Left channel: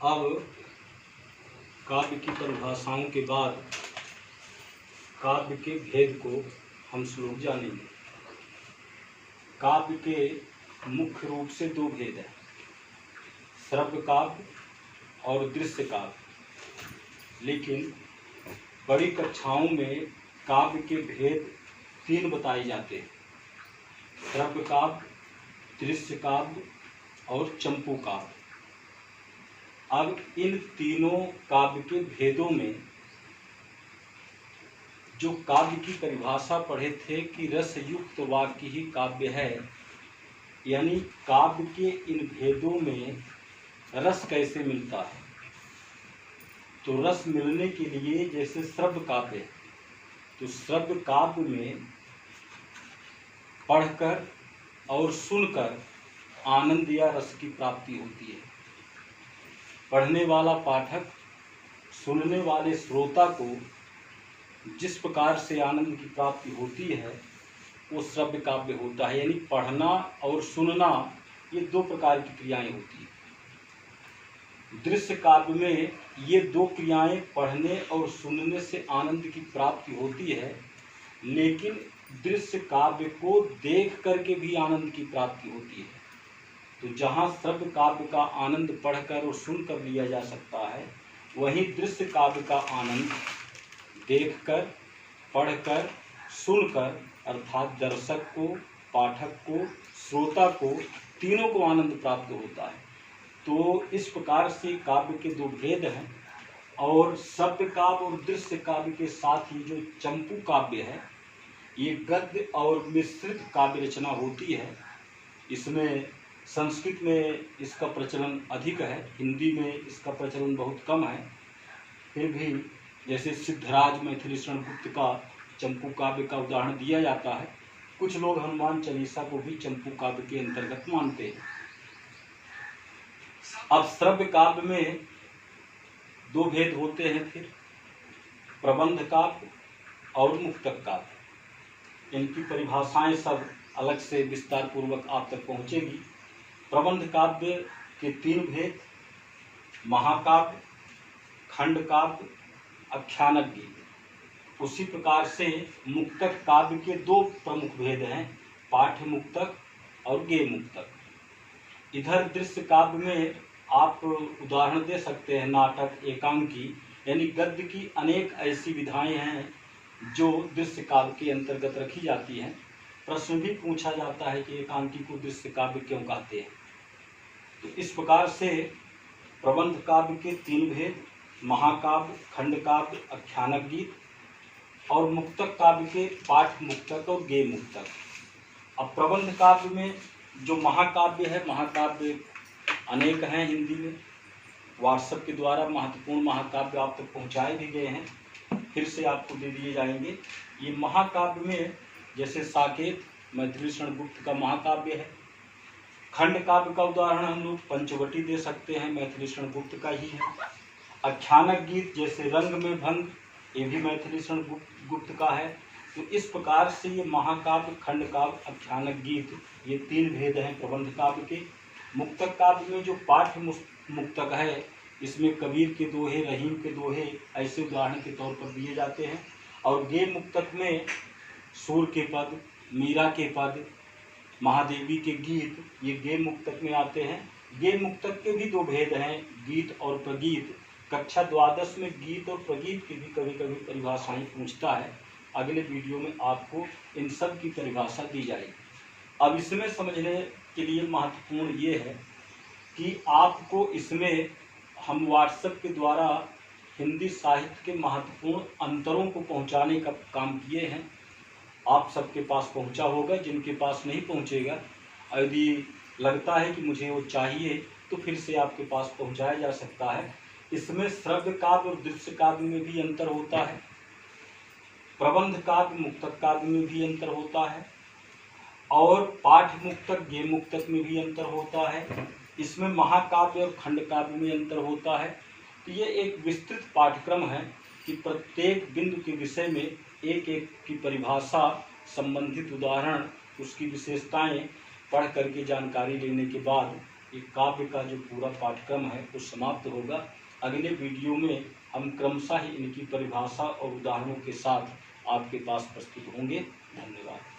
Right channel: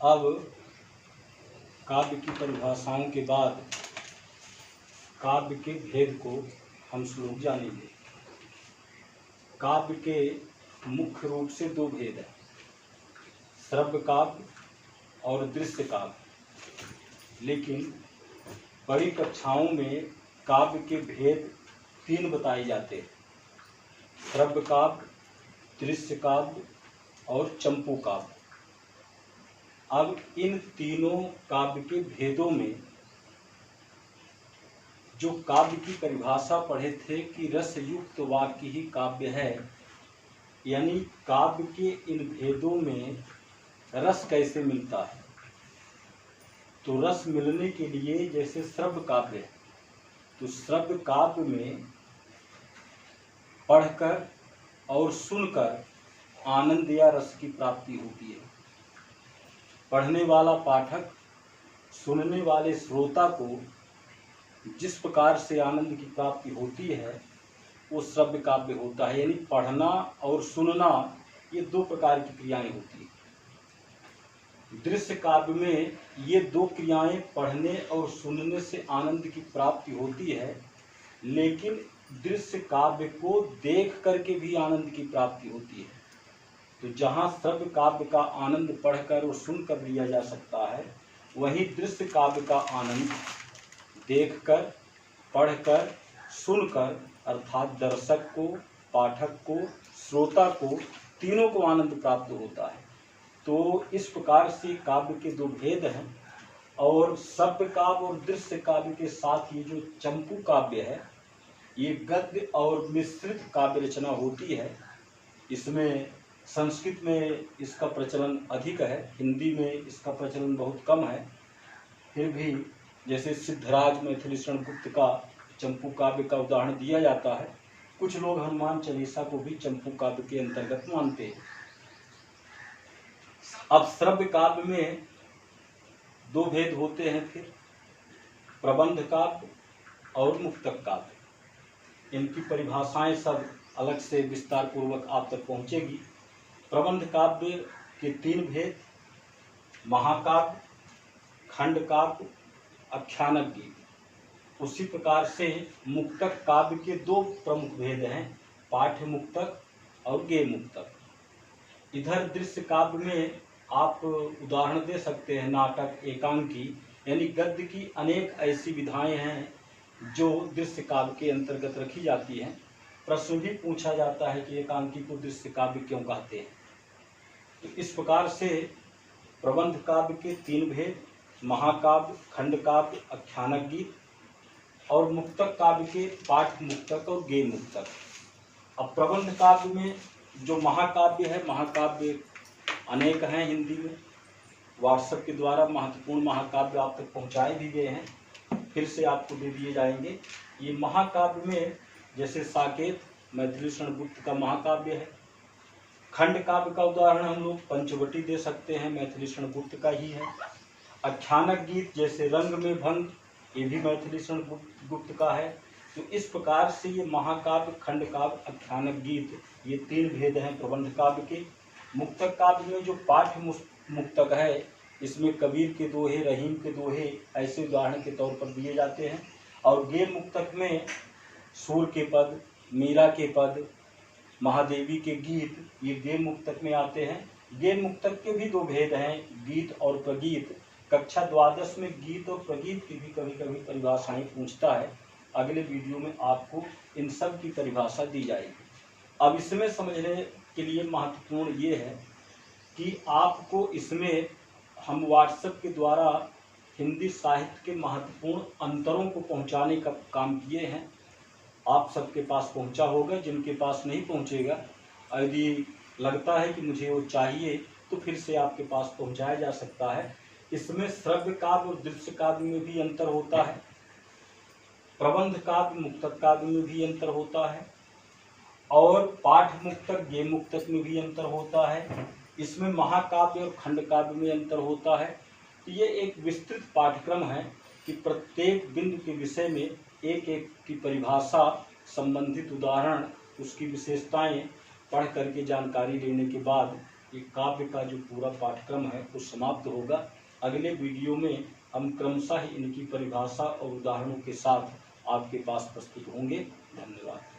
अब काव्य की परिभाषाओं के बाद काव्य के भेद को हम श्लोक जानेंगे। काव्य के मुख्य रूप से दो भेद हैं, श्रव्य काव्य और दृश्य काव्य। लेकिन बड़ी कक्षाओं में काव्य के भेद तीन बताए जाते हैं, श्रव्य काव्य, दृश्य काव्य और चंपू काव्य। अब इन तीनों काव्य के भेदों में जो काव्य की परिभाषा पढ़े थे कि रस युक्त वाक्य ही काव्य है, यानी काव्य के इन भेदों में रस कैसे मिलता है। तो रस मिलने के लिए जैसे श्रव्य काव्य है, तो श्रव्य काव्य में पढ़कर और सुनकर आनंद या रस की प्राप्ति होती है। पढ़ने वाला पाठक सुनने वाले श्रोता को जिस प्रकार से आनंद की प्राप्ति होती है वो श्रव्य काव्य होता है। यानी पढ़ना और सुनना ये दो प्रकार की क्रियाएं होती हैं। दृश्य काव्य में ये दो क्रियाएं पढ़ने और सुनने से आनंद की प्राप्ति होती है, लेकिन दृश्य काव्य को देख करके भी आनंद की प्राप्ति होती है। तो जहाँ श्रव्य काव्य का आनंद पढ़कर और सुनकर लिया जा सकता है, वहीं दृश्य काव्य का आनंद देखकर, पढ़कर, सुनकर अर्थात दर्शक को, पाठक को, श्रोता को, तीनों को आनंद प्राप्त होता है। तो इस प्रकार से काव्य के दो भेद हैं। और श्रव्य काव्य और दृश्य काव्य के साथ ही जो चंपू काव्य है, ये गद्य और मिश्रित काव्य रचना होती है। इसमें संस्कृत में इसका प्रचलन अधिक है, हिंदी में इसका प्रचलन बहुत कम है। फिर भी जैसे सिद्धराज मैथिलीशरण गुप्त का चंपू काव्य का उदाहरण दिया जाता है। कुछ लोग हनुमान चालीसा को भी चंपू काव्य के अंतर्गत मानते हैं। अब श्रव्य काव्य में दो भेद होते हैं, फिर प्रबंध काव्य और मुक्तक काव्य। इनकी परिभाषाएं सब अलग से विस्तार पूर्वक आप तक पहुंचेगी। प्रबंध काव्य के तीन भेद, महाकाव्य, खंड काव्य, आख्यानक गीत। उसी प्रकार से मुक्तक काव्य के दो प्रमुख भेद हैं, पाठ्य मुक्तक और गेय मुक्तक। इधर दृश्य काव्य में आप उदाहरण दे सकते हैं नाटक, एकांकी, यानी गद्य की अनेक ऐसी विधाएं हैं जो दृश्य काव्य के अंतर्गत रखी जाती हैं। प्रश्न भी पूछा जाता है कि एकांकी को दृश्य काव्य क्यों कहते हैं। तो इस प्रकार से प्रबंध काव्य के तीन भेद, महाकाव्य, खंड काव्य, आख्यानक गीत, और मुक्तक काव्य के पाठ मुक्तक और गेय मुक्तक। अब प्रबंध काव्य में जो महाकाव्य है, महाकाव्य अनेक हैं हिंदी में। व्हाट्सएप के द्वारा महत्वपूर्ण महाकाव्य आप तक पहुँचाए भी गए हैं, फिर से आपको दे दिए जाएंगे। ये महाकाव्य में जैसे साकेत मैथिलीशरण गुप्त का महाकाव्य है। खंड काव्य का उदाहरण हम लोग पंचवटी दे सकते हैं, मैथिलीशरण गुप्त का ही है। आख्यानक गीत जैसे रंग में भंग, ये भी मैथिलीशरण गुप्त का है। तो इस प्रकार से ये महाकाव्य, खंड काव्य, आख्यानक गीत, ये तीन भेद हैं प्रबंध काव्य के। मुक्तक काव्य में जो पाठ्य मुक्तक है, इसमें कबीर के दोहे, रहीम के दोहे ऐसे उदाहरण के तौर पर दिए जाते हैं। और गेय मुक्तक में सूर के पद, मीरा के पद, महादेवी के गीत, ये गेय मुक्तक में आते हैं। गेय मुक्तक के भी दो भेद हैं, गीत और प्रगीत। कक्षा द्वादश में गीत और प्रगीत की भी कभी कभी परिभाषाएं पूछता है। अगले वीडियो में आपको इन सब की परिभाषा दी जाएगी। अब इसमें समझने के लिए महत्वपूर्ण ये है कि आपको इसमें हम व्हाट्सएप के द्वारा हिंदी साहित्य के महत्वपूर्ण अंतरों को पहुंचाने का काम किए हैं। आप सबके पास पहुंचा होगा, जिनके पास नहीं पहुंचेगा, यदि लगता है कि मुझे वो चाहिए तो फिर से आपके पास पहुंचाया जा सकता है। इसमें श्रव्य काव्य और दृश्य काव्य में भी अंतर होता है, प्रबंध काव्य, मुक्तक काव्य में भी अंतर होता है, और पाठ मुक्तक, गेय मुक्तक में भी अंतर होता है। इसमें महाकाव्य और खंड काव्य में अंतर होता है। तो ये एक विस्तृत पाठ्यक्रम है कि प्रत्येक बिंदु के विषय में एक एक की परिभाषा, संबंधित उदाहरण, उसकी विशेषताएं पढ़ करके जानकारी लेने के बाद ये काव्य का जो पूरा पाठ्यक्रम है वो समाप्त होगा। अगले वीडियो में हम क्रमशः इनकी परिभाषा और उदाहरणों के साथ आपके पास प्रस्तुत होंगे। धन्यवाद।